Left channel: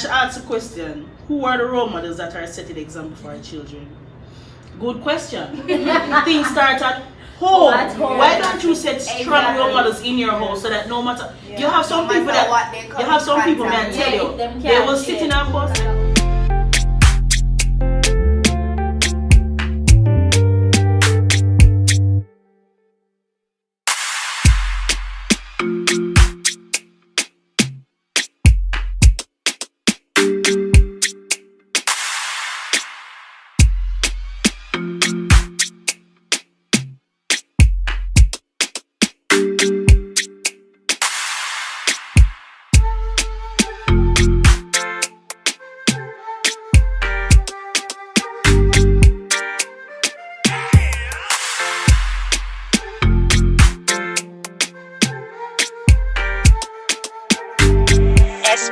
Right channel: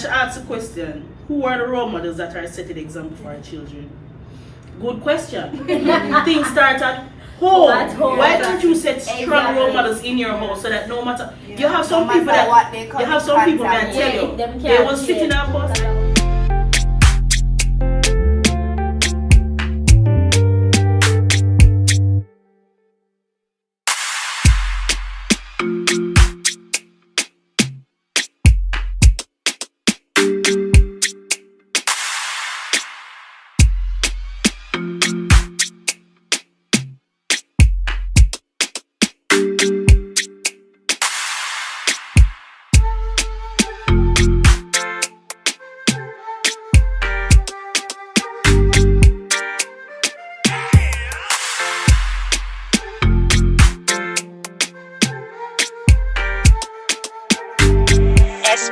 To ask a question, who are the role models that are setting the example for our children? Good question. Things start at home. Why don't you set strong role models in your home so that no matter you have some people that tell you they will sit in a bus.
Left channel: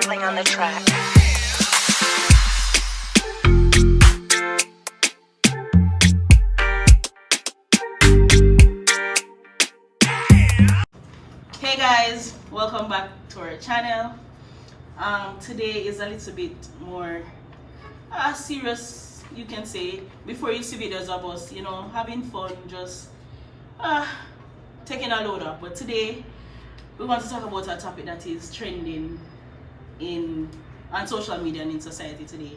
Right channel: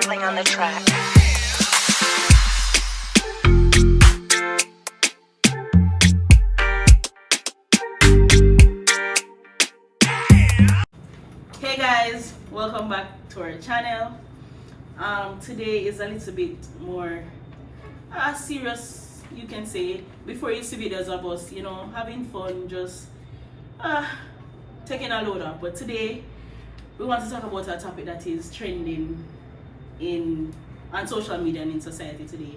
Playing on the track. Hey guys, welcome back to our channel. Today is a little bit more serious, you can say. Before you see videos of us, having fun, just taking a load off. But today we want to talk about a topic that is trending on social media and in society today,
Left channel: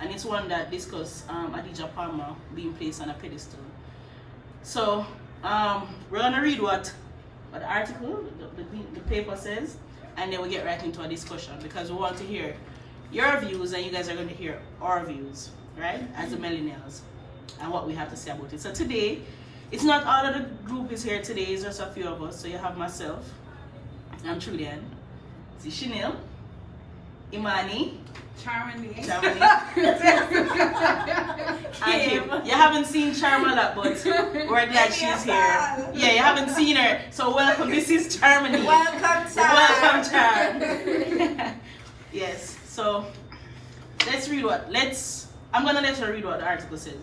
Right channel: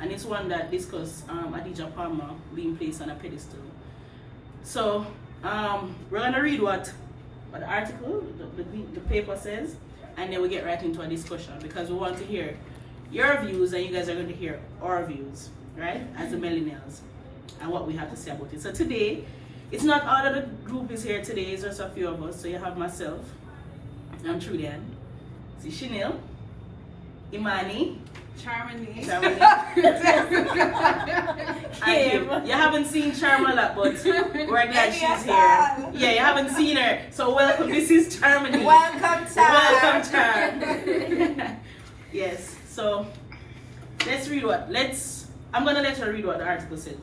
and it's one that discusses Adidja Palmer being placed on a pedestal. So we're gonna read what the article, the paper says, and then we get right into a discussion because we want to hear your views and you guys are going to hear our views, right? As the millennials, and what we have to say about it. So today, it's not all of the group is here today, it's just a few of us. So you have myself, I'm Trudian, Chanel, Imani, Charmony. You haven't seen Charm a lot, but we're glad she's here. Yeah, you haven't seen her. So welcome. This is Charmony. Welcome, Charm. Welcome, Charm. Yes. So let's read I'm gonna let her read what the article says.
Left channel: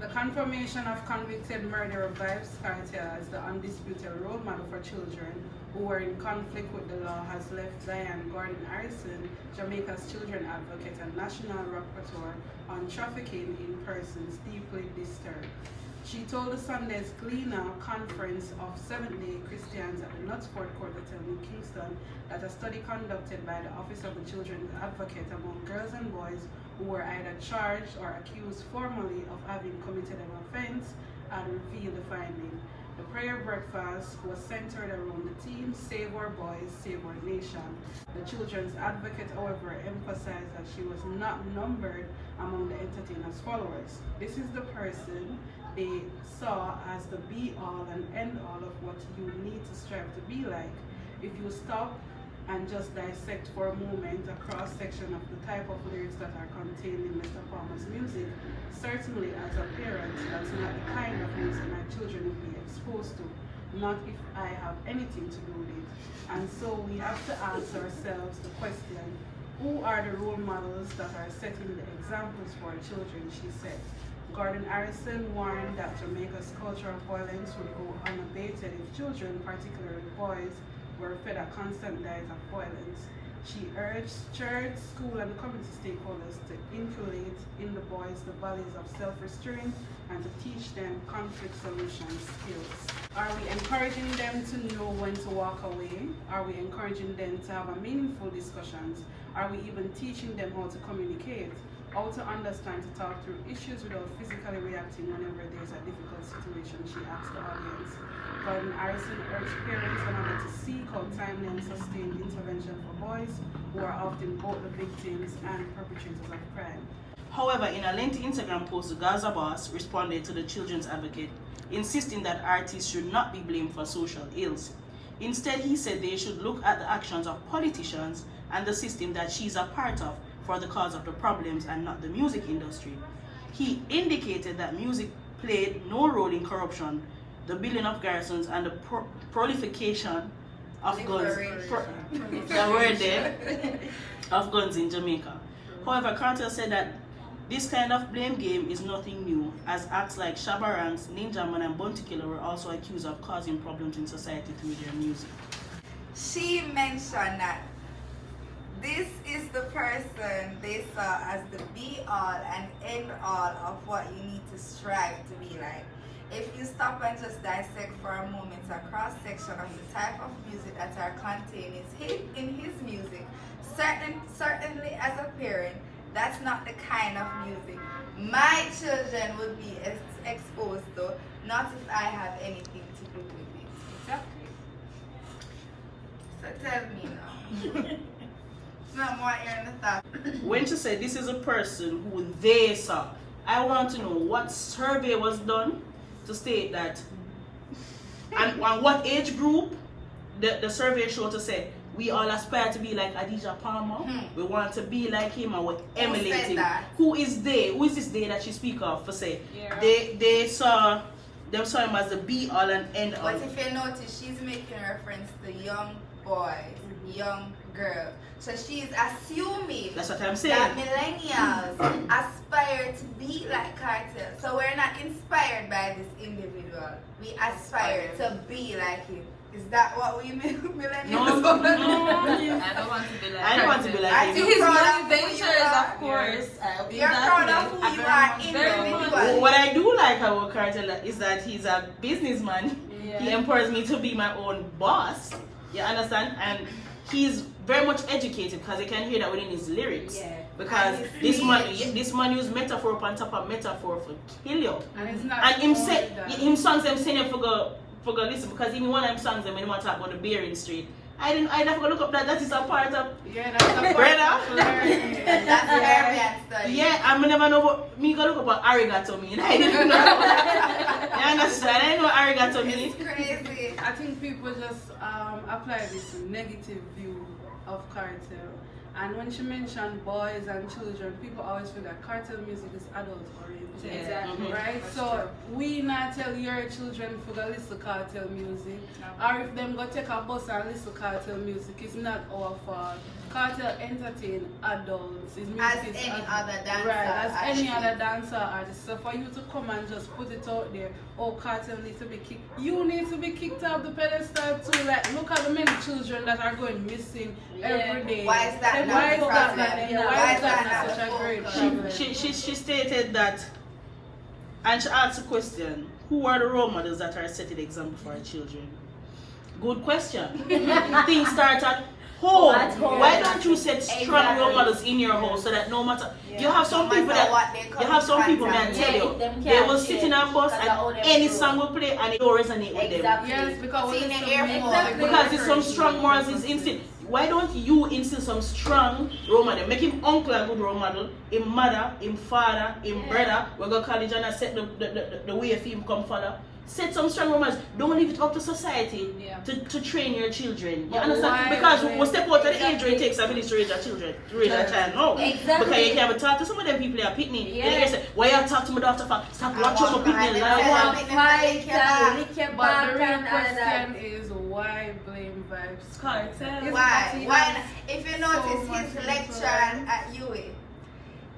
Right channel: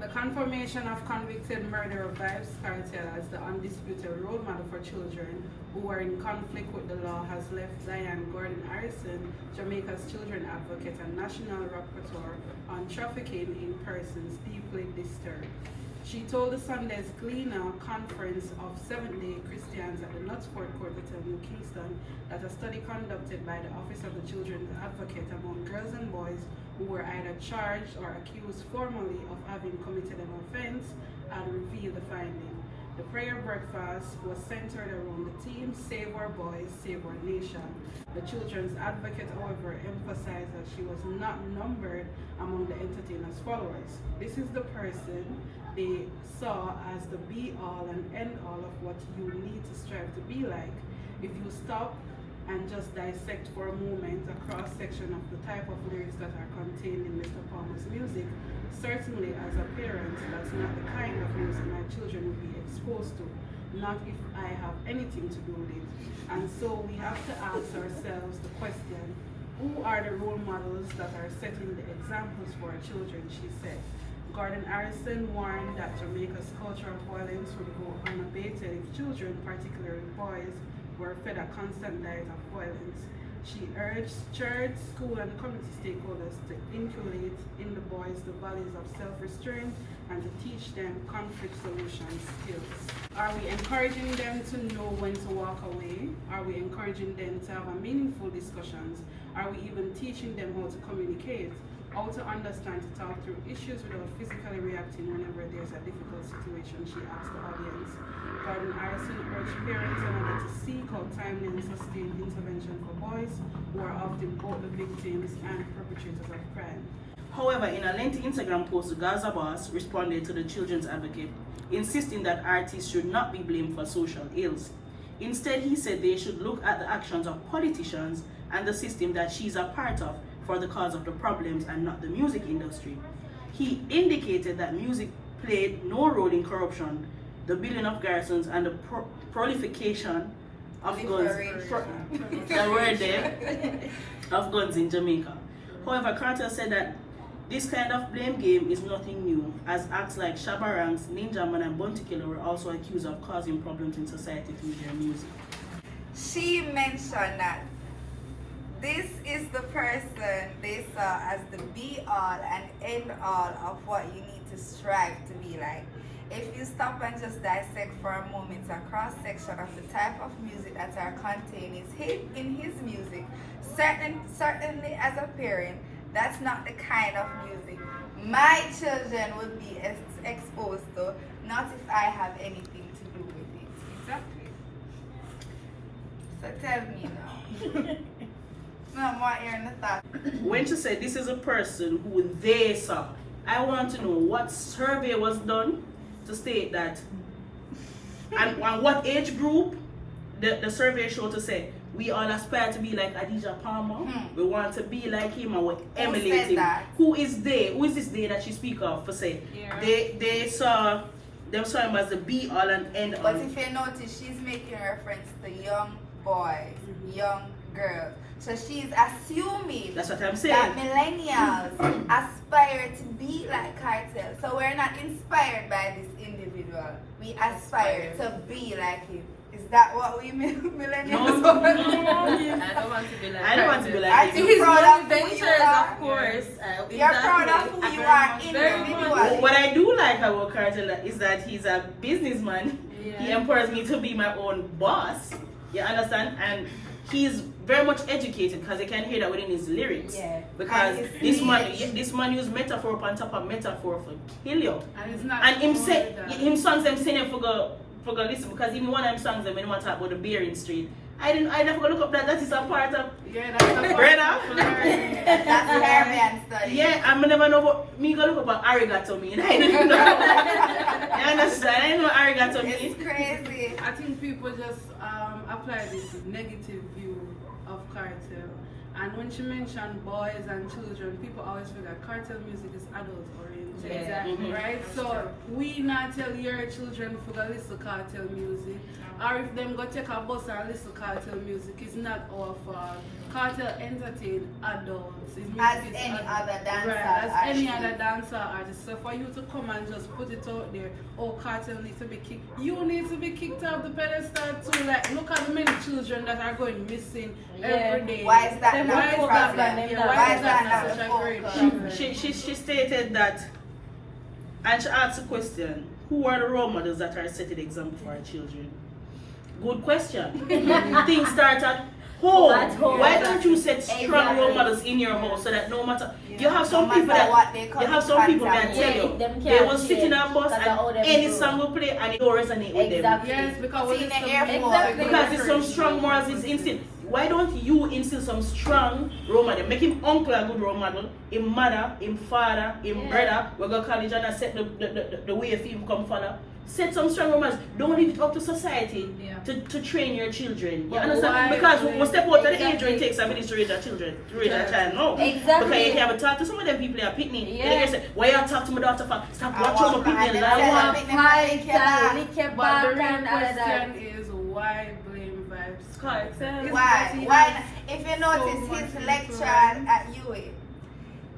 The confirmation of convicted murderer Vybz Kartel as the undisputed role model for children who were in conflict with the law has left Diane Gordon Harrison, Jamaica's children advocate and national rapporteur on trafficking in persons, deeply disturbed. She told the Sunday's Gleaner conference of Seventh-day Christians at the Knutsford Court Hotel in Kingston that a study conducted by the Office of the Children's Advocate among girls and boys who were either charged or accused formally of having committed an offense had revealed the finding. The prayer breakfast was centered around the theme, Save Our Boys, Save Our Nation. The Children's Advocate, however, emphasized that she was not numbered among the entertainers' followers. This is the person they saw as the be-all and end-all of what you need to strive to be like. If you stop and just dissect for a moment a cross-section of the type of lyrics that are contained in Mr. Palmer's music, certainly as a parent, that's not the kind of music my children would be exposed to, not if I have anything to do with it. And so we have to ask ourselves the question, who are the role models that are setting the examples for our children, she said. Gordon Harrison warned that Jamaica's culture of violence would go unabated if children, particularly boys, were fed a constant diet of violence. She urged church, school, and community stakeholders to inculcate in the boys the values of self-restraint and to teach them conflict solution skills. Are we encouraging them to know when to walk away? Are we encouraging them to have a meaningful discussions? Are we even teaching them how to communicate? How to understand to talk through issues without physically reacting whenever there's a difficult situation, she asked the audience. Gordon Harrison urged parents and others to seek out timely and sustained intervention for boys who are often both the victims and perpetrators of crime. However, in a lengthy Instagram post, the Gaza boss responded to the Children's Advocate, insisting that artists should not be blamed for social ills. Instead, he said they should look at the actions of politicians and the system that she's a part of for the cause of the problems and not the music industry. He indicated that music played no role in corruption, the building of garrisons, and the proliferation of guns. That word there, of guns in Jamaica. However, Cartel said that This kind of blame game is nothing new, as acts like Shabarangs, Ninja Man, and Bounty Killer were also accused of causing problems in society through their music. She mentioned that this is the person they saw as the be-all and end-all of what you need to strive to be like. If you stop and just dissect for a moment a cross-section of the type of music that are contained in his music, certainly as a parent, that's not the kind of music my children would be exposed to, not if I have anything to do with it. Exactly. So tell me now. No, I'm not hearing the thought. When she said this is a person who they saw, I want to know what survey was done to state that, and what age group the survey showed to say we all aspire to be like Adidja Palmer. We want to be like him and we emulate him. Who is they? Who is this they that she speak of for say? Yeah. They saw him as the be all and end all. But if you notice, she's making reference to young boys, young girls. So she's assuming That's what I'm saying. that millennials aspire to be like Kartel. So we're not inspired by this individual. We aspire to be like him. Is that what we millennials No. I don't want to be like I don't want to be Are like him. you his proud of who ventures, you are? of course. You're proud of who you are individually. What I do like about Kartel is that he's a businessman. Yeah. He empowers me to be my own boss. You understand? And he's very much educated because you can hear that within his lyrics. Yeah. Because And this man use metaphor upon top of metaphor for kill you. And it's not And him only say that. him songs them saying for go listen because even one of them songs them when he want to talk about the Bearing Street. I never go look up that is a part of Yeah, that's a part Brother. of learning. That's Arabian study. yeah, I'm never know what me go look up what arigato mean. I didn't know. You understand? I didn't know what arigato mean. It's crazy. I think people just apply this negative view of Kartel. And when she mentioned boys and children, people always feel that Kartel music is adult oriented. Exactly. Mhm. Right? So we not tell your children if go listen Kartel music. Or if them go take a bus and listen Kartel music, it's not our fault. Kartel entertain adults. His music As is any other dancer Right, as any artist. other dancer artist. So for you to come and just put it out there, oh Kartel needs to be kicked. You need to be kicked off the pedestal too. Like look at the many children that are going missing every day. Why is that not Why a is that problem? not, yeah, Why why is is that that not not such a a great focus? problem? She stated that, and she asked a question: who are the role models that are setting the example for our children? Good question. Things start at home. At home. Why don't you set strong Exactly. role models in your home so that no matter you have No some matter people that what they you come have in some people that contact tell with. you Yeah, them they can't will sit in a change bus because of how and them any grow. song will play and it will resonate with them. Exactly. Yes, because See, when in the some air music, force. they Because it's some encourage strong you morals to is listen. instinct. Why don't you instill some strong role model? Make him uncle a good role model, him mother, him father, him brother. We go college and I set the way for him come follow. Set some strong role models. Don't leave it up to society to train your children. You But understand? why Because we step out of the age where exactly. it takes a village to raise a children, to raise a child. No. Exactly. Because you can't talk to some of them people that pick me. Yeah. You say, why you talk to my daughter for? Stop I watching walk my behind people them, live. tell want them, fight, lick your back. lick your But back the real and all of that. question is why blame Vybz Kartel. It's Why? that he Why? has If you so notice much his lecture influence. at UA,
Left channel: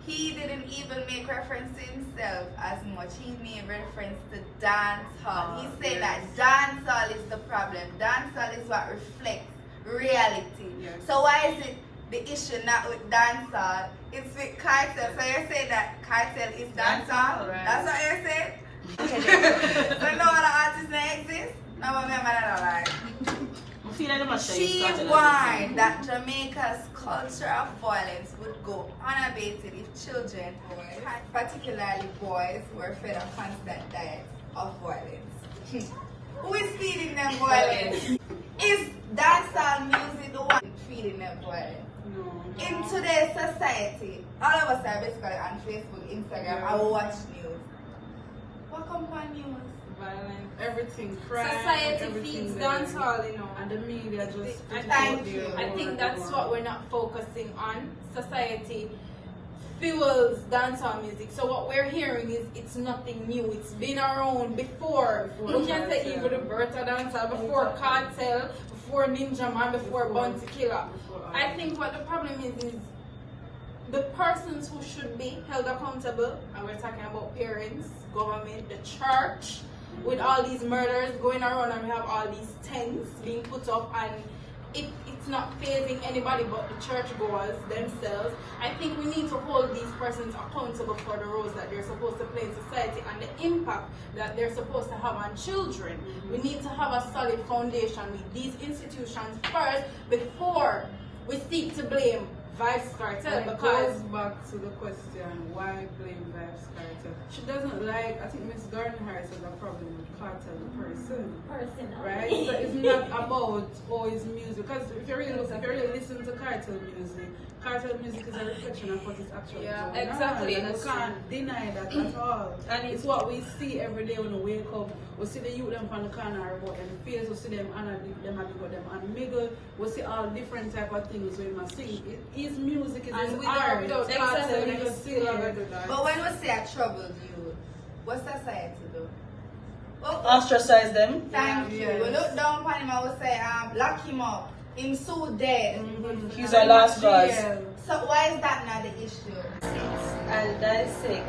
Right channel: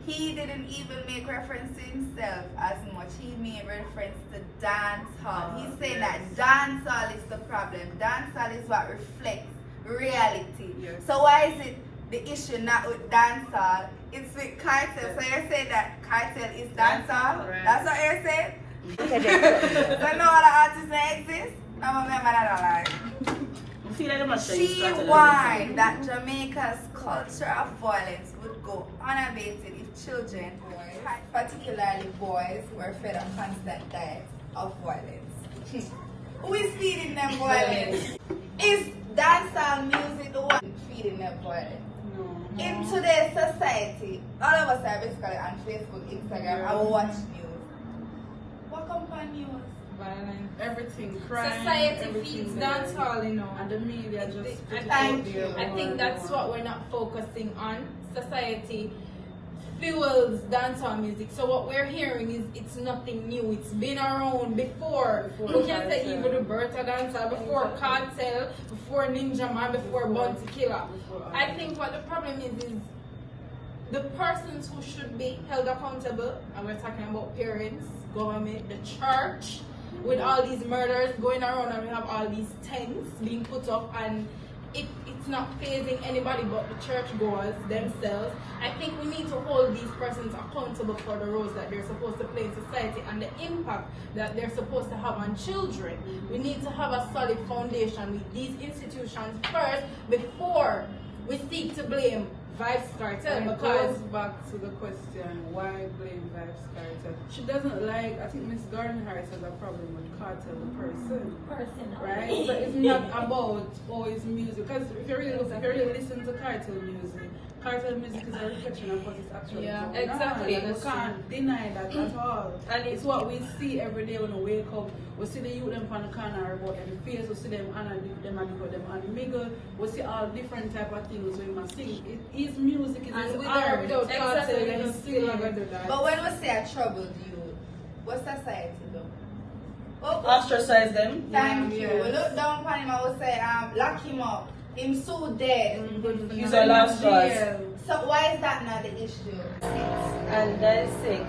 he didn't even make reference to himself as much. He made reference to dance hall. He's saying that dance hall is the problem. Dance hall is what reflects reality. Yes. So why is it the issue not with dance hall? It's with Kartel. So you're saying that Kartel is dance hall? Right. That's what you're saying? So no other artists that exist? No, I'm not like. I feel like they must She use Kartel as a warned that Jamaica's culture of violence would go unabated if children, particularly boys, were fed a constant diet of violence. Who is feeding them violence? Is dancehall music the one feeding them violence? No. In today's society, all of us are basically on Facebook, Instagram, and watch news. What come on news? Violence, everything, crime, Society everything feeds there. dancehall, you know. And the media just put it Thank out there you. I over think and that's over. what we're not focusing on. Society fuels dancehall music. So what we're hearing is it's nothing new. It's been around before. We can say Kartel. even the birth of dancehall, before Kartel, before Ninja Man, before Bounty Killer. I think what the problem is the persons who should be held accountable, and we're talking about parents, government, the church, with all these murders going around, and we have all these tents being put up, and it's not fazing anybody but the churchgoers themselves. I think we need to hold these persons accountable for the roles that they're supposed to play in society and the impact that they're supposed to have on children. We need to have a solid foundation with these institutions first before we seek to blame Vybz Kartel, And it because goes back to the question, why blame Vybz Kartel? She doesn't like, I think Miss Gardner has a problem with Kartel the person. Right? So it's not about his music. Because if you really listen to Kartel music is a reflection of what is actually Yeah, going on. exactly. You can't deny that at all. And It's what we see every day when we wake up. We see the youth them on the corner about them face, we see them and them and miggle, we see all different type of things we must sing. His music is And his without art. doubt, Kartel exactly. can still have do that. But when we say a troubled youth, what society do? Well, Ostracize them. thank you. yes. We look down upon him and we say, lock him up. Him so dead. He's our last choice. So why is that not the issue? And dissect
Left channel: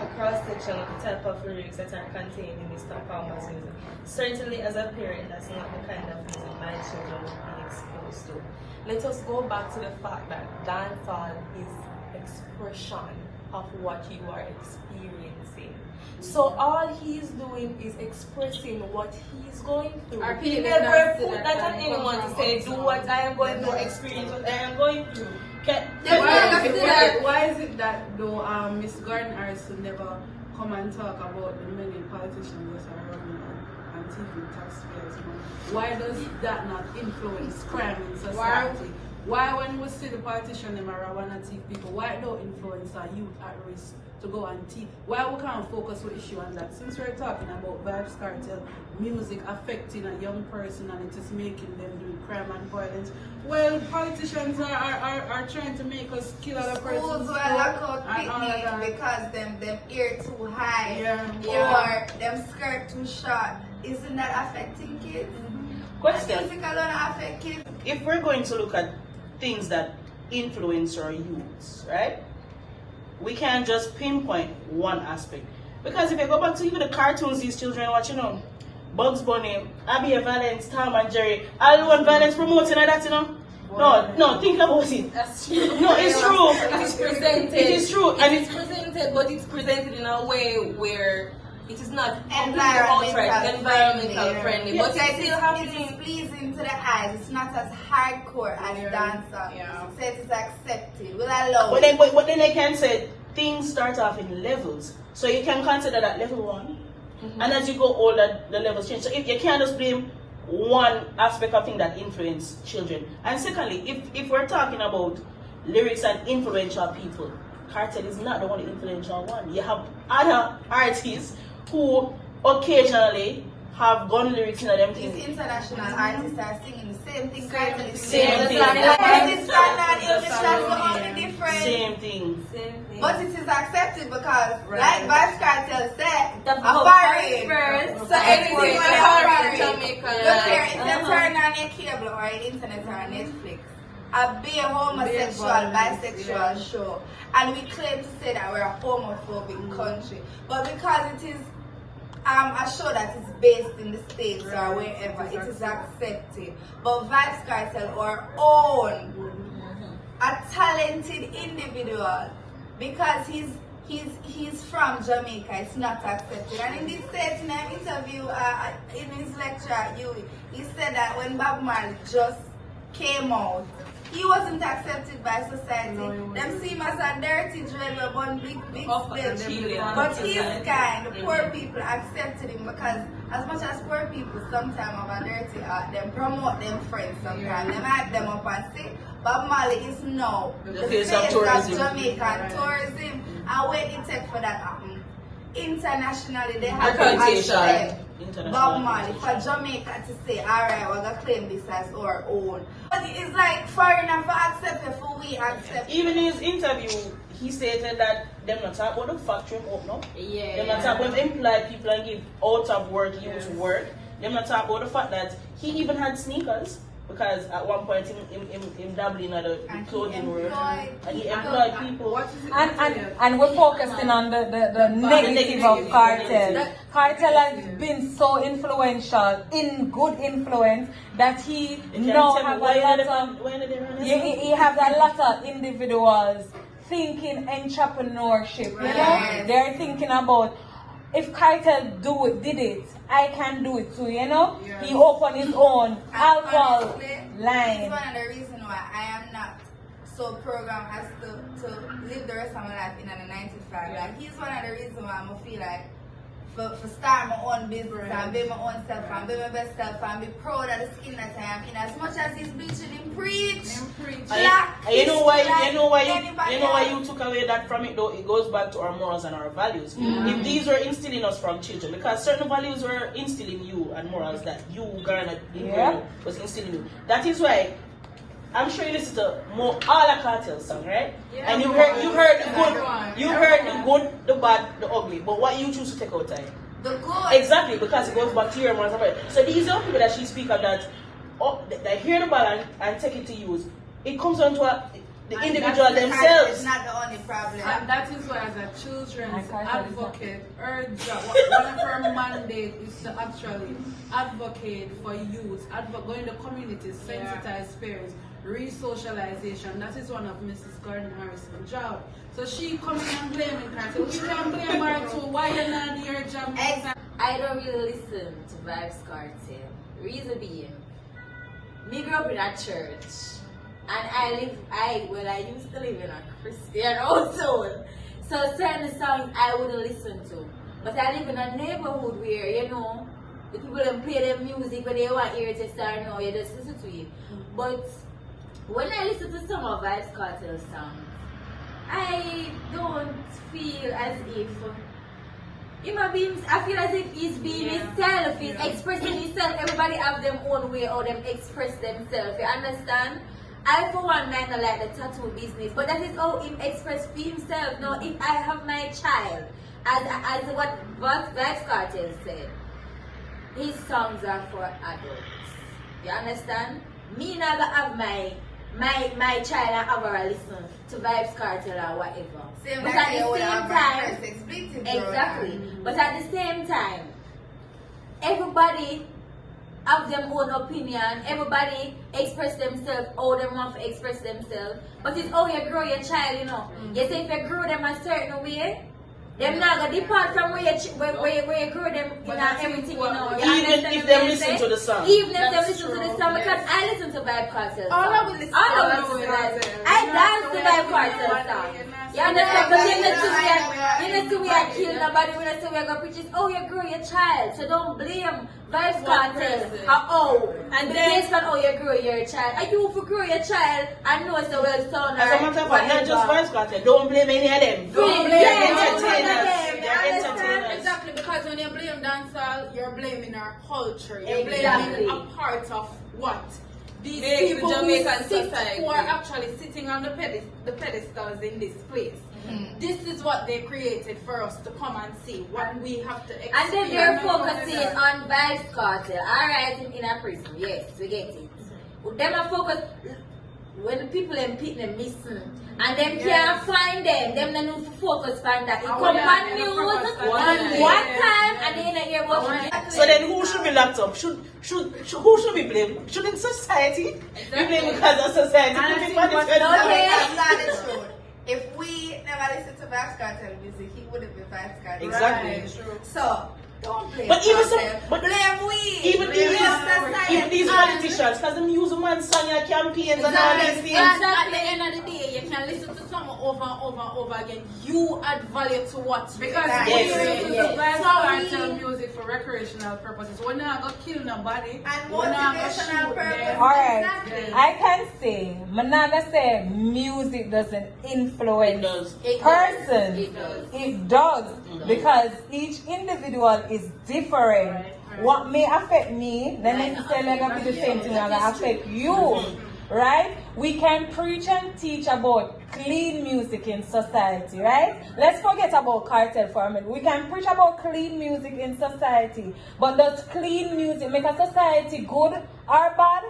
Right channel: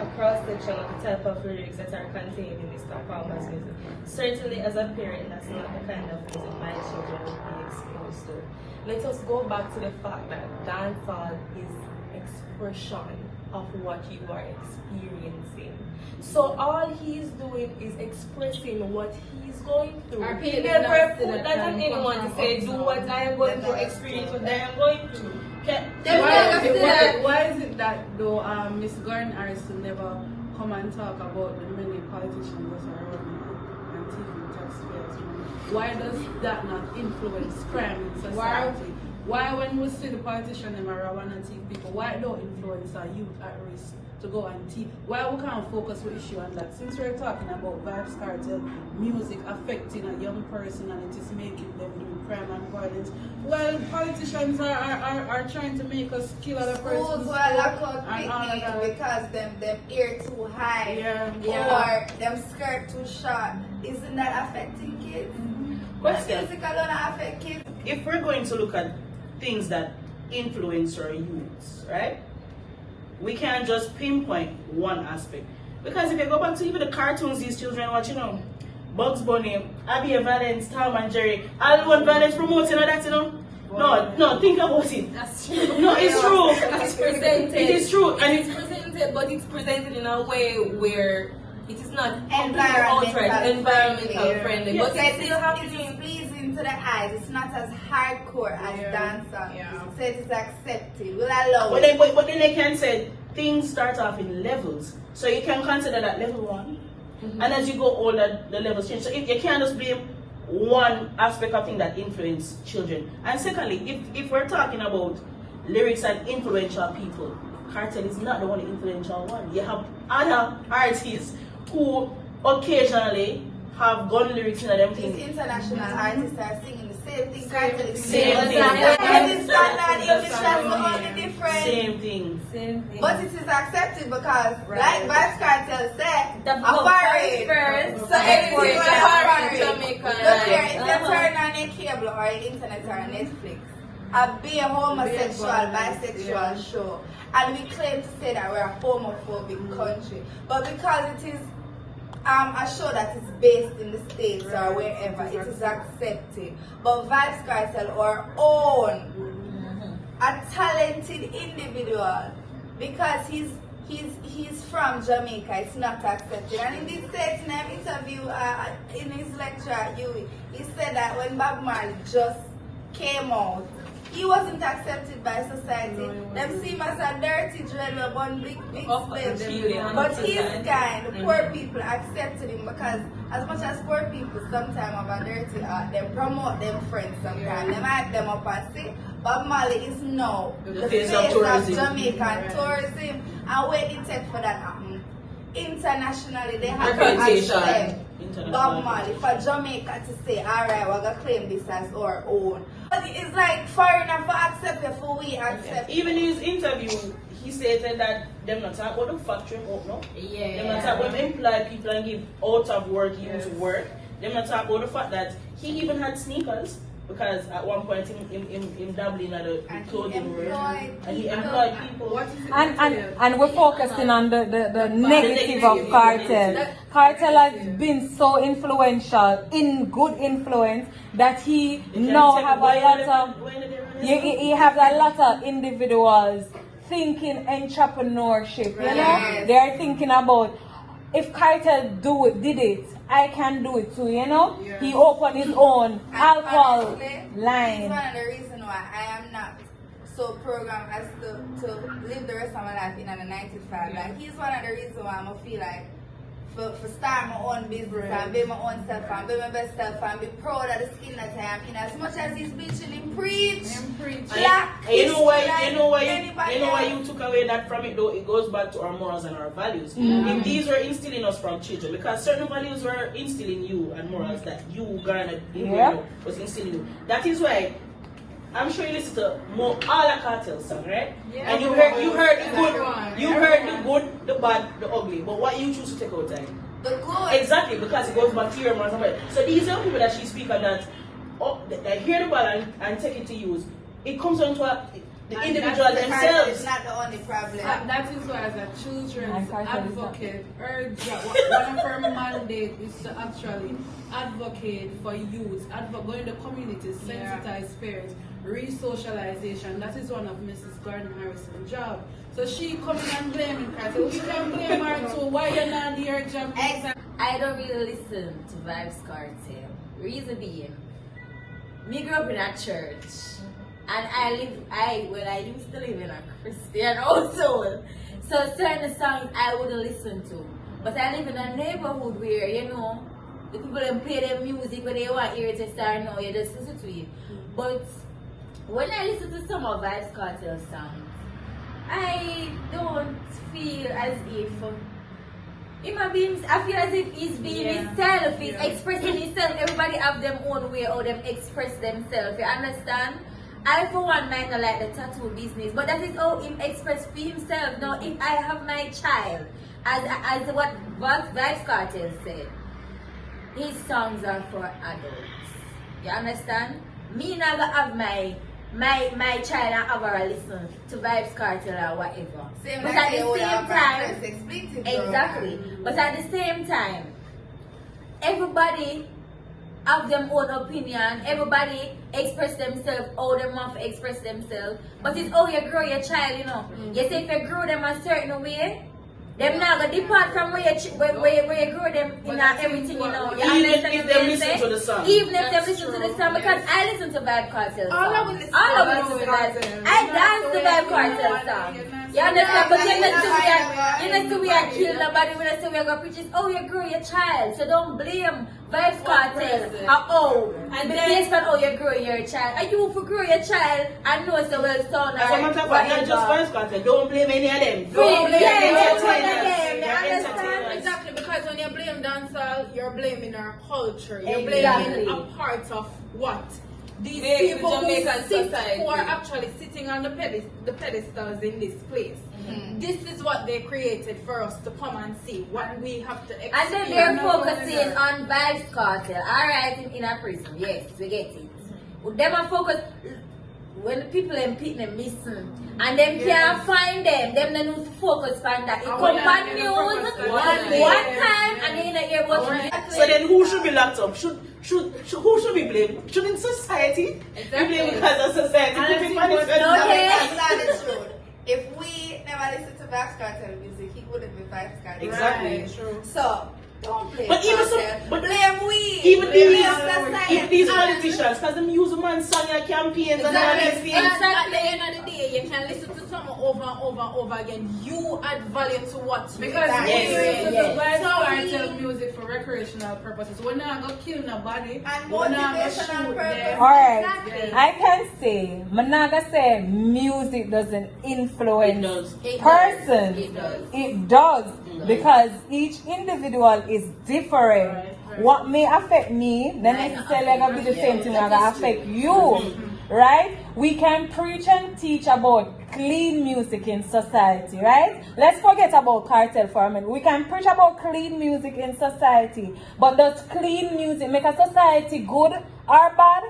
across section the type of lyrics that are contained in Mr. Palmer's music. Certainly as a parent, that's not the kind of music my children will be exposed to. Let us go back to the fact that dancehall is expression of what you are experiencing. So all he's doing is expressing what he's going through. Our He parents never not see put that that on kind of anyone to say, do function. what I am going through, experience what I am going through. Why is it that though Miss Gordon Harrison never come and talk about the many politicians that are running and thieving taxpayers' money? Why does that not influence crime in society? Why when we see the politicians them are want to thief people, why don't influence our youth at risk to go and thief? Why we can't focus on issue on that? Since we're talking about Vybz Kartel music affecting a young person and it is making them do crime and violence, well, politicians are trying to make us kill other persons. Schools were locked out and all of picnic that. because them ear too high Yeah. or them skirt too short. Isn't that affecting kids? Question. Music alone affect kids. If we're going to look at things that influence our youths, right? We can't just pinpoint one aspect. Because if you go back to even the cartoons these children watch, Bugs Bunny, Abby Valence, Tom and Jerry, all the one Valence promoting and that, No, think about it. That's true. No, it's true. It's presented. It is true. And It's presented, but it's presented in a way where it is not Environmental environmental friendly. Yeah, But it's still It is happening. pleasing to the eyes. It's not as hardcore as dancehall. Yeah. So it is accepted. We'll allow But it. then they can say things start off in levels. So you can consider that level one. And as you go older, the levels change. So if you can't just blame one aspect of thing that influence children. And secondly, if we're talking about lyrics and influential people, Kartel is not the only influential one. You have other artists who occasionally have gun lyrics in them These things. international artists are singing the same thing. Kartel is Same singing. thing. It's standard English, that's the only difference. Same thing. Same thing. But it is accepted because, like Vybz Kartel said, That's a the foreign. first. So anything Everything is is a foreign, foreign. Jamaican Look here, life. if they turn on your cable or your internet or Netflix, a be a homosexual, bisexual show, and we claim to say that we're a homophobic country, but because it is a show that is based in the States or wherever, it is accepted. But Vybz Kartel, our own, a talented individual, because he's from Jamaica, it's not accepted. And in this certain interview, in his lecture at UWI, he said that when Bob Marley just came out, he wasn't accepted by society. Them see him as a dirty dreamer, but big slim. But his kind, the poor people accepted him because as much as poor people sometimes have a dirty art, they promote them friends sometimes. They hype them up and say, Bob Marley is now the face of Jamaican tourism. And where it take for that happen? Internationally, they have to accept Bob Marley for Jamaica to say, alright, we're going to claim this as our own. But it's like foreigner for accept it, for we accept. Even in his interview, he stated that them not talk about the factory up now. Yeah. Them not talk about employ people and give out of work, use work. Them not talk about the fact that he even had sneakers because at one point in dabbling at the And he clothing world, employed and he people. employed people. What is it? And we're focusing on the negative of Kartel. Kartel has been so influential, in good influence, that he now have a lot of he have a lot of individuals thinking entrepreneurship. You know, Right. they're thinking about, if Kartel did it, I can do it too. You know, Yeah. he opened his own And alcohol honestly, this is line. one of the reasons why I am not so programmed as to live the rest of my life in a 9 to 5. Yeah. Like, he's one of the reasons why I'm gonna feel like for start my own business and be my own self and be my best self and be proud of the skin that I am in. As much as he's bitching him preach, black, You know why? You know why? anybody You know why else. you took away that from it? Though it goes back to our morals and our values. If these were instilling us from children, because certain values were instilling you and morals that you garnered in where you was instilling you. That is why. I'm sure you listen to all the Kartel songs, right? Yeah. And you heard the good, the bad, the ugly. But what you choose to take out time? The good. Exactly, because it goes back to your morals and values. So these are people that she speak of that hear the ball and take it to use. It comes down to the And individual that's the themselves. It's not the only problem. That is why, as a children's advocate, her job, one of her mandate is to actually advocate for youth, go in the community, sensitize parents, re-socialization. That is one of Mrs. Gordon Harrison's job. So she coming and blaming Kartel. You can blame her too. Why you not do your job? I don't really listen to Vybz Kartel. Reason being, me grew up in a church, and I used to live in a Christian household. So certain songs I wouldn't listen to. But I live in a neighborhood where, you know, the people don't play their music when they want hear it start now, you just listen to it. But when I listen to some of Vybz Kartel songs, I don't feel as if I feel as if he's being himself, he's expressing himself. Everybody have their own way how them express themselves. You understand? I for one might not like the tattoo business, but that is how him express for himself. Now if I have my child, as what Vybz Kartel said, his songs are for adults. You understand? Me not gonna have my child and have her listen to Vybz Kartel or whatever. Same But like at they the would same have time, breakfast expected, exactly. But at the same time, everybody have their own opinion. Everybody express themselves how they want to express themselves. But it's how you grow your child, you know. You say if you grow them a certain way, them not gonna depart from where you grow them in everything, you know. You Even understand if what they I'm listen saying? to the song. Even if they listen to the song, because I listen to Vybz Kartel All I songs. will listen All I to will listen Vybz to Kartel. I dance to Vybz Kartel songs. You understand? But you know, so we are kill nobody. We know, so we are gonna preach it. Oh, you grow your child, so don't blame Vybz Kartel. And the case for how you grow your child. Are you for grow your child and know so well son As a matter of fact, not just Vybz Kartel. Don't blame any of them. Don't blame entertainers. them. Exactly, because when you blame dancehall, you're blaming our culture. You're Exactly. blaming a part of what? These Yes, people the Jamaican who, society. who are actually sitting on the pedestals in this place. This is what they created for us to come and see. What we have to experience. And then they're focusing on Vybz Kartel. Alright, in a prison. Yes, we get it. Them are focused when people them pick them missing. And them can't find them. Them they need to focus on that. It come on news one time and then you hear about it. So then who should be locked up? Who should be blamed? Shouldn't society be blamed because of society? That's not the truth. If we never listen to Vybz Kartel music, he wouldn't be Vybz Kartel. Exactly. So don't blame But even Kartel. but blame we. even Blame these politicians, because them use one song like campaigns and all these things. And at the end of the day, you can listen to something over and over and over again. You add value to what you Because like. we listen to Vybz Sorry. Kartel music for recreational purposes. We're not gonna kill nobody. And We're not gonna motivational shoot purposes. them. Alright, Exactly. I can say, I'm not gonna say music doesn't influence It does. person. It does. Because each individual is different. Right. What may affect me, not necessarily gonna be the same thing that gonna affect you. Right? We can preach and teach about clean music in society, right? Let's forget about Kartel for a minute. We can preach about clean music in society, but does clean music make a society good or bad?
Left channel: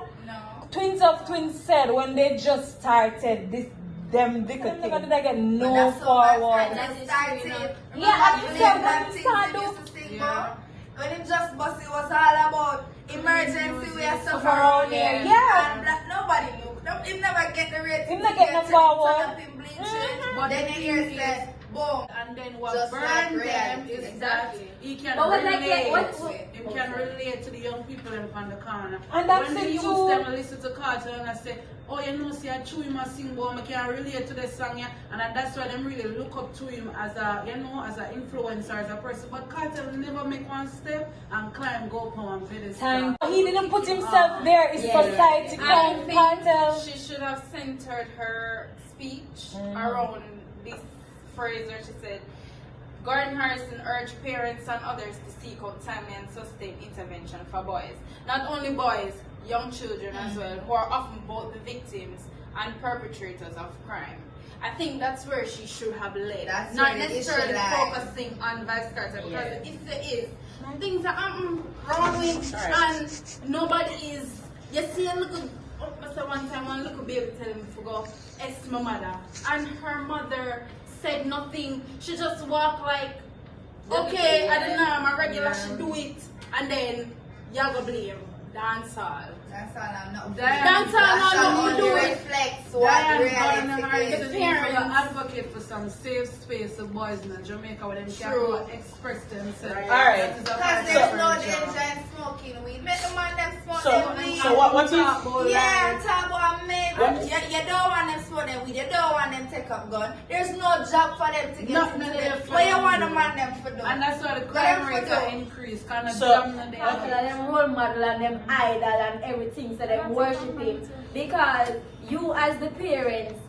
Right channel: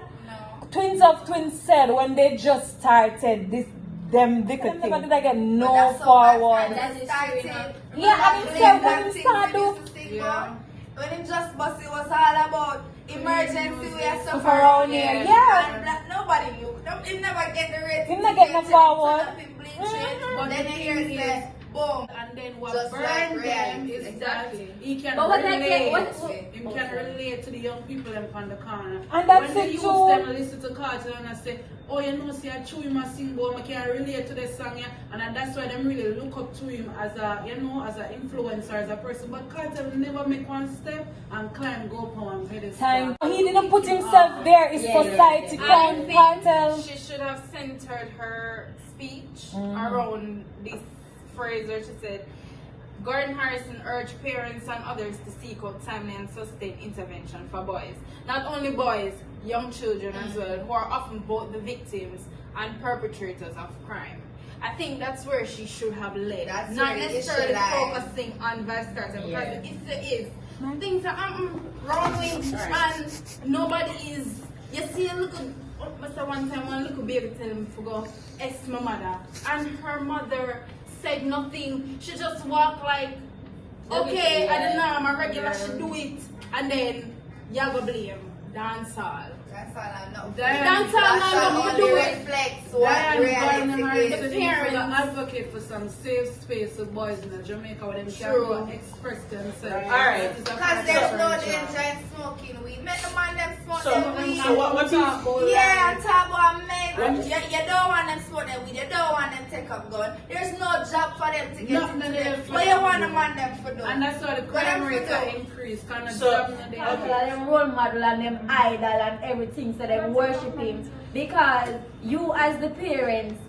To twins said when they just started this, them they could never did I get no forward. Yeah, and it's when it started. Yeah. When it just bust, it was all about emergency we are stuff around here. Yeah. And that nobody knew. He never get the rating. He never get no forward. But then he hears that, boom. And then what Just burned like them reality. is that he can But what relate. He can relate to the young people them on the corner. And that's when the it youth too. them listen to Cartel and I say, oh, you know, see, I chew him a sing, but I can relate to the song, yeah. And that's why them really look up to him as a, you know, as an influencer, as a person. But Cartel never make one step and climb, go up on Pedestal. He didn't put himself there. It's society. I think Cartel. she should have centered her speech around this phrase where she said, Gordon Harrison urged parents and others to seek out timely and sustained intervention for boys. Not only boys, young children as well, who are often both the victims and perpetrators of crime. I think that's where she should have led. That's not where it necessarily should lie. focusing on Vybz Kartel, because if there is things that wrong with and nobody is, you see a little, one time one little baby tell him to go ask my mother, and her mother said nothing. She just walked like, okay, I don't know, I'm a regular, she do it, and then you go blame dancehall. That's all I'm not. That's all I'm not do it. Reflects what reality is. Parents advocate for some safe space for boys in Jamaica where they can go and express themselves. Alright. Because there's no danger in smoking weed. Make a man them smoke them weed. So what is Yeah, I'm talking about men. You don't want them smoke them weed. You don't want them take up gun. There's no job for them to get into them. But you want a man them for do. And that's why the crime rates are increased. Kind of So- dominant. Them role model and them idol and everything, so they worship him. Because you as the parents,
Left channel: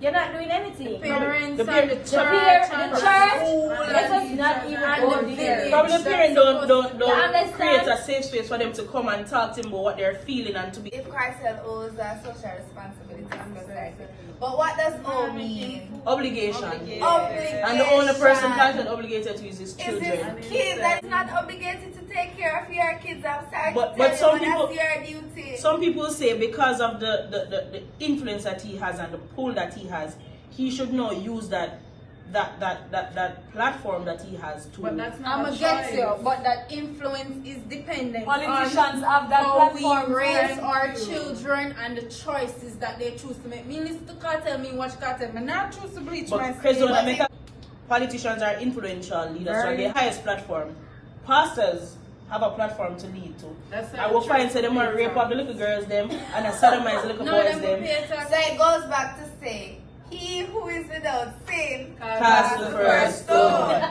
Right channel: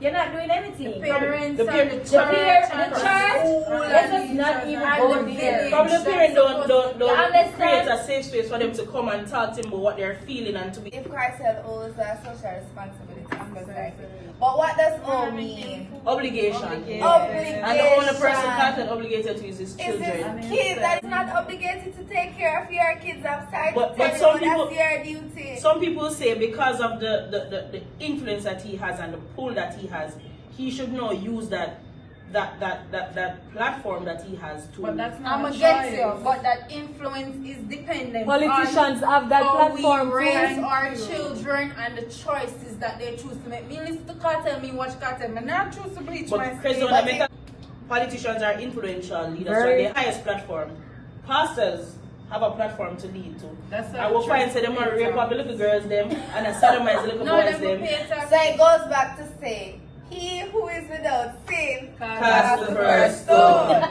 you're not doing anything. Parents The and the The church, church, let us not even go there. Probably the parents don't understand? create a safe space for them to come and talk to them about what they're feeling and to be. If Cartel owes a social responsibility to society. But what does owe mean? Obligation. Obligation. And the only person Cartel obligated to is his Is children. this kid that is not obligated to take care of your kids? I'm sorry But to tell some you, people- that's your duty. Some people say because of the influence that he has and the pull that he has, he should not use that platform that he has to. But that's I'm not a against you, choice. but that influence is dependent Politicians on have that how platform. we raise too. our children and the choices that they choose to make. Me listen to Cartel, me watch Cartel, me not choose to bleach my But skin. President America, politicians are influential leaders, so Very. the highest platform. Pastors have a platform to lead to. That's I will find say them are rape up the little girls them and a sodomize little No, boys them go them. pay tax. So it goes back to say, he who is without sin Cast the first stone.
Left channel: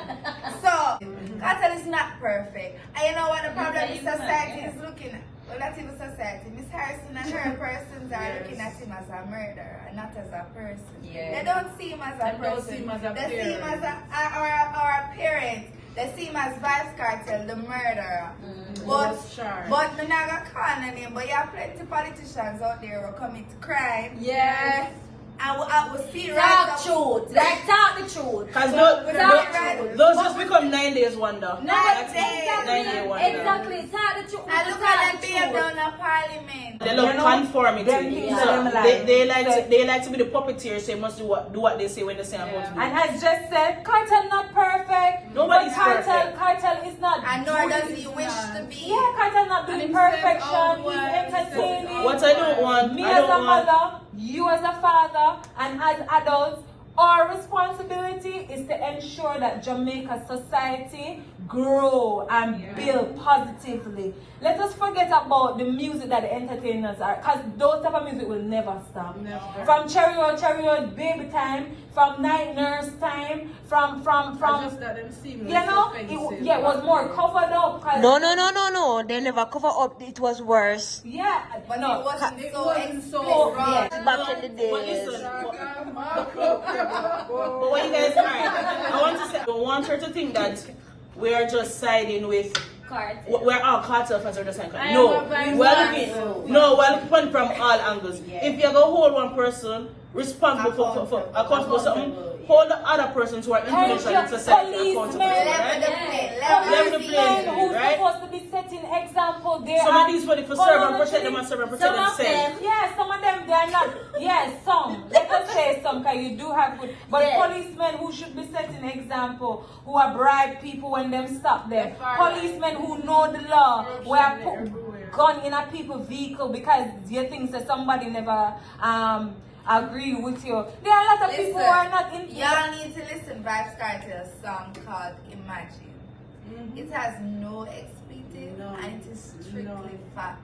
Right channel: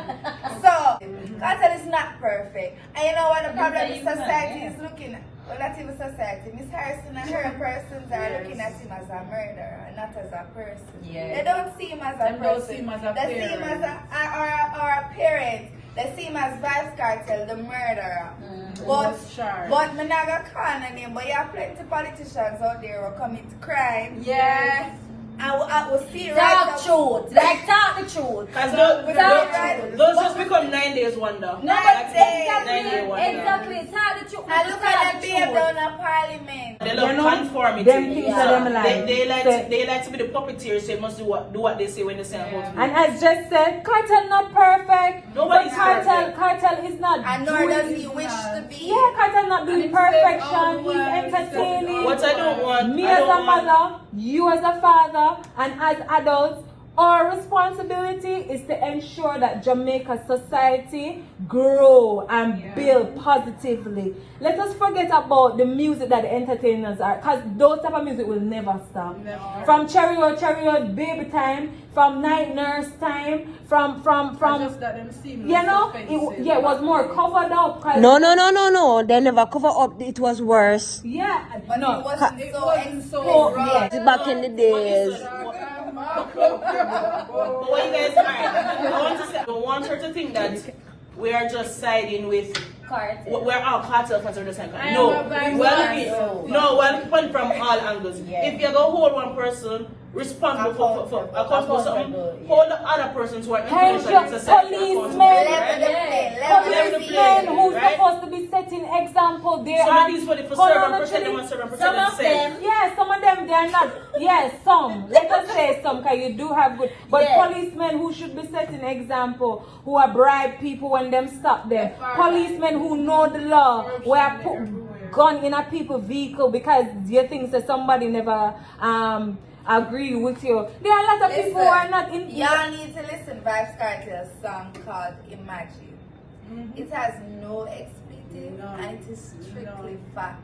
So, Cartel is not perfect. And you know what the problem is society is looking at? Well, not even society. Miss Harrison and her persons are looking at him as a murderer and not as a person. Yeah. They don't see him as a They don't person. see him as a they see him as a parent. They see him as Vybz Kartel, the murderer. But me not gonna call on him, but you have plenty of politicians out there who commit crime. Yeah. I will see right Talk up. truth. Like talk the truth. Because Right. those just become 9 days wonder. 9 days. 9-day wonder. Exactly. Talk the truth. And look at that babe down in Parliament. They love conformity. them things So that them like. they like to be the puppeteers, so they must do what they say when they say about to do. And as just said, Cartel not perfect. Nobody's Cartel, perfect. Cartel is not. And nor doing- does he wish to be. Yeah, Cartel not doing And himself, perfection. oh, He's well, entertaining. What I don't want, Me I as don't a want. mother, you as a father, and as adults, our responsibility is to ensure that Jamaica society grow and build positively. Let us forget about the music that the entertainers are, because those type of music will never stop. Never. From Cherry Baby Time, from Night Nurse Time, from Just that them seem you know, it was more covered up. No. They never cover up. It was worse. Yeah, But no. it wasn't It so wasn't so exposed. raw. Back in the days. But what you guys are, I want her to think that we are just siding with Kartel. We're all cartel fans of the same I kind. am No, a Vybz well, Kartel. well, fun from all angles. If you go hold one person responsible for accountable for something, hold the other persons who are influential in society accountable. Policemen who's Right? supposed to be setting example there. Some of these people for serve and protect them and serve and protect themselves. Yeah, some of them they're not. Yes, some. Let us say some, because you do have good. But policemen who should be setting example, who are bribe people when them stop them. Policemen who know the law, where put gun in a people's vehicle because you think that somebody never agree with you. There are a lot of people who are not in. Y'all need to listen Vybz Kartel's song called Imagine. It has no expletive and it is strictly fact.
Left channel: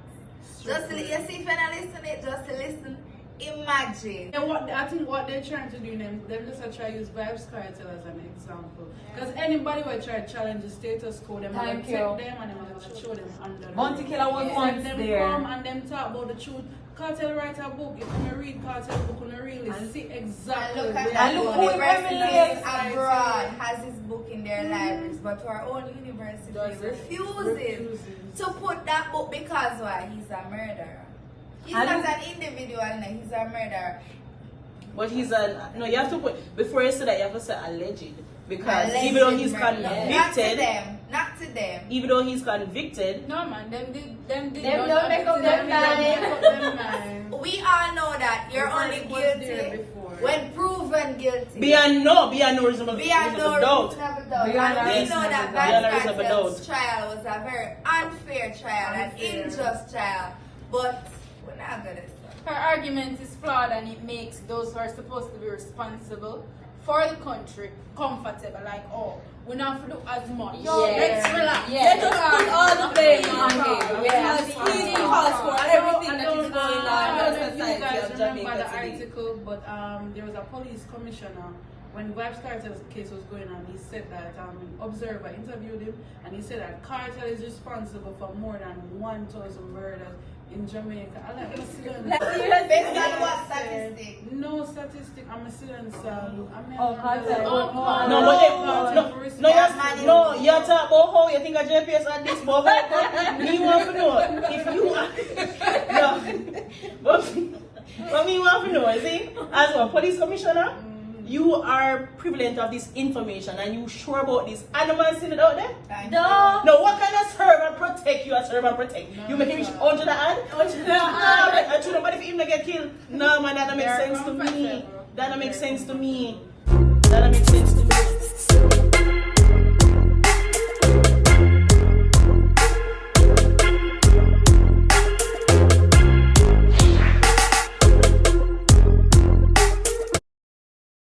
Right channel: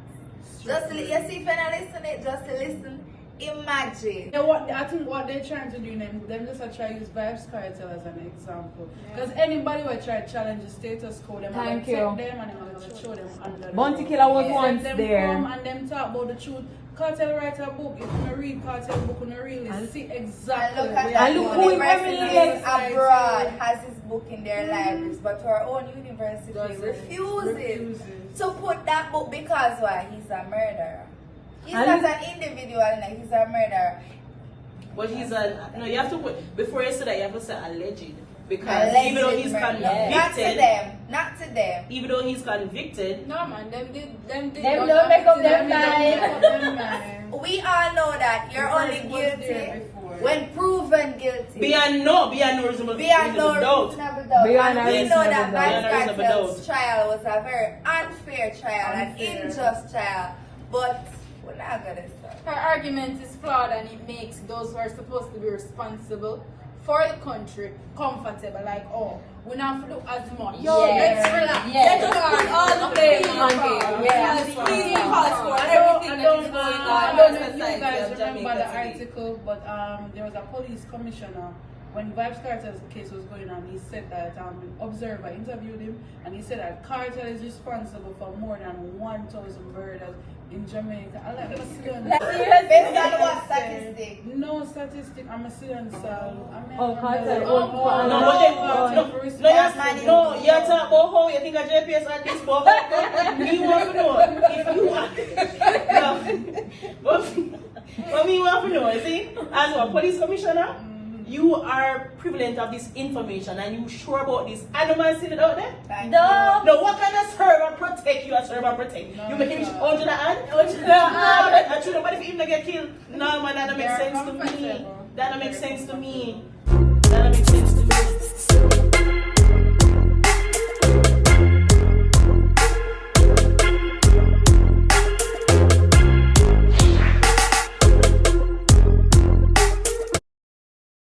Just to, you see, if you're not listening, just to listen. Imagine. And I think what they're trying to do, them just try to use Vybz Kartel as an example. Because anybody will try to challenge the status quo, them and take them and them and show them under the Bounty Killer was once them there. come and them talk about the truth. Kartel write a book. If you read Kartel book, you really see exactly And look at where that. they're going. Universities abroad has his book in their libraries, but our own university refuses to put that book because why? He's a murderer. He's not an individual, he's a murderer. But he's a no. You have to put before you say that. You have to say alleged because Alleged even though he's murderer. convicted, Not to them. even though he's convicted, No man, them don't make up their mind. We all know that you're only guilty when proven guilty. beyond no reasonable doubt. And we know that Vybz reasonable Kartel's trial was a very unfair trial, an unjust trial. But we're not gonna stop. Her argument is flawed and it makes those who are supposed to be responsible for the country comfortable. Like, oh, we don't have to do as much. Let's relax. Let's start all the blame on him. I don't know if you guys remember the article, but there was a police commissioner. When Vybz Kartel's case was going on, he said that Observer interviewed him, and he said that Kartel is responsible for more than 1,000 murders in Jamaica. I like to see them. Based on what statistic? No statistic. I'm a student, so No, you talk about how you think a JPS at this boy. Me want to know if you but me want to know, you see, as a police commissioner, you are prevalent of this information and you sure about this animals in it out there? No, what kind of serve and protect you? A serve and protect you may reach 100 ad? I should nobody for him to get killed. No man, that don't make sense to me. That don't make sense to me. That don't make sense to me.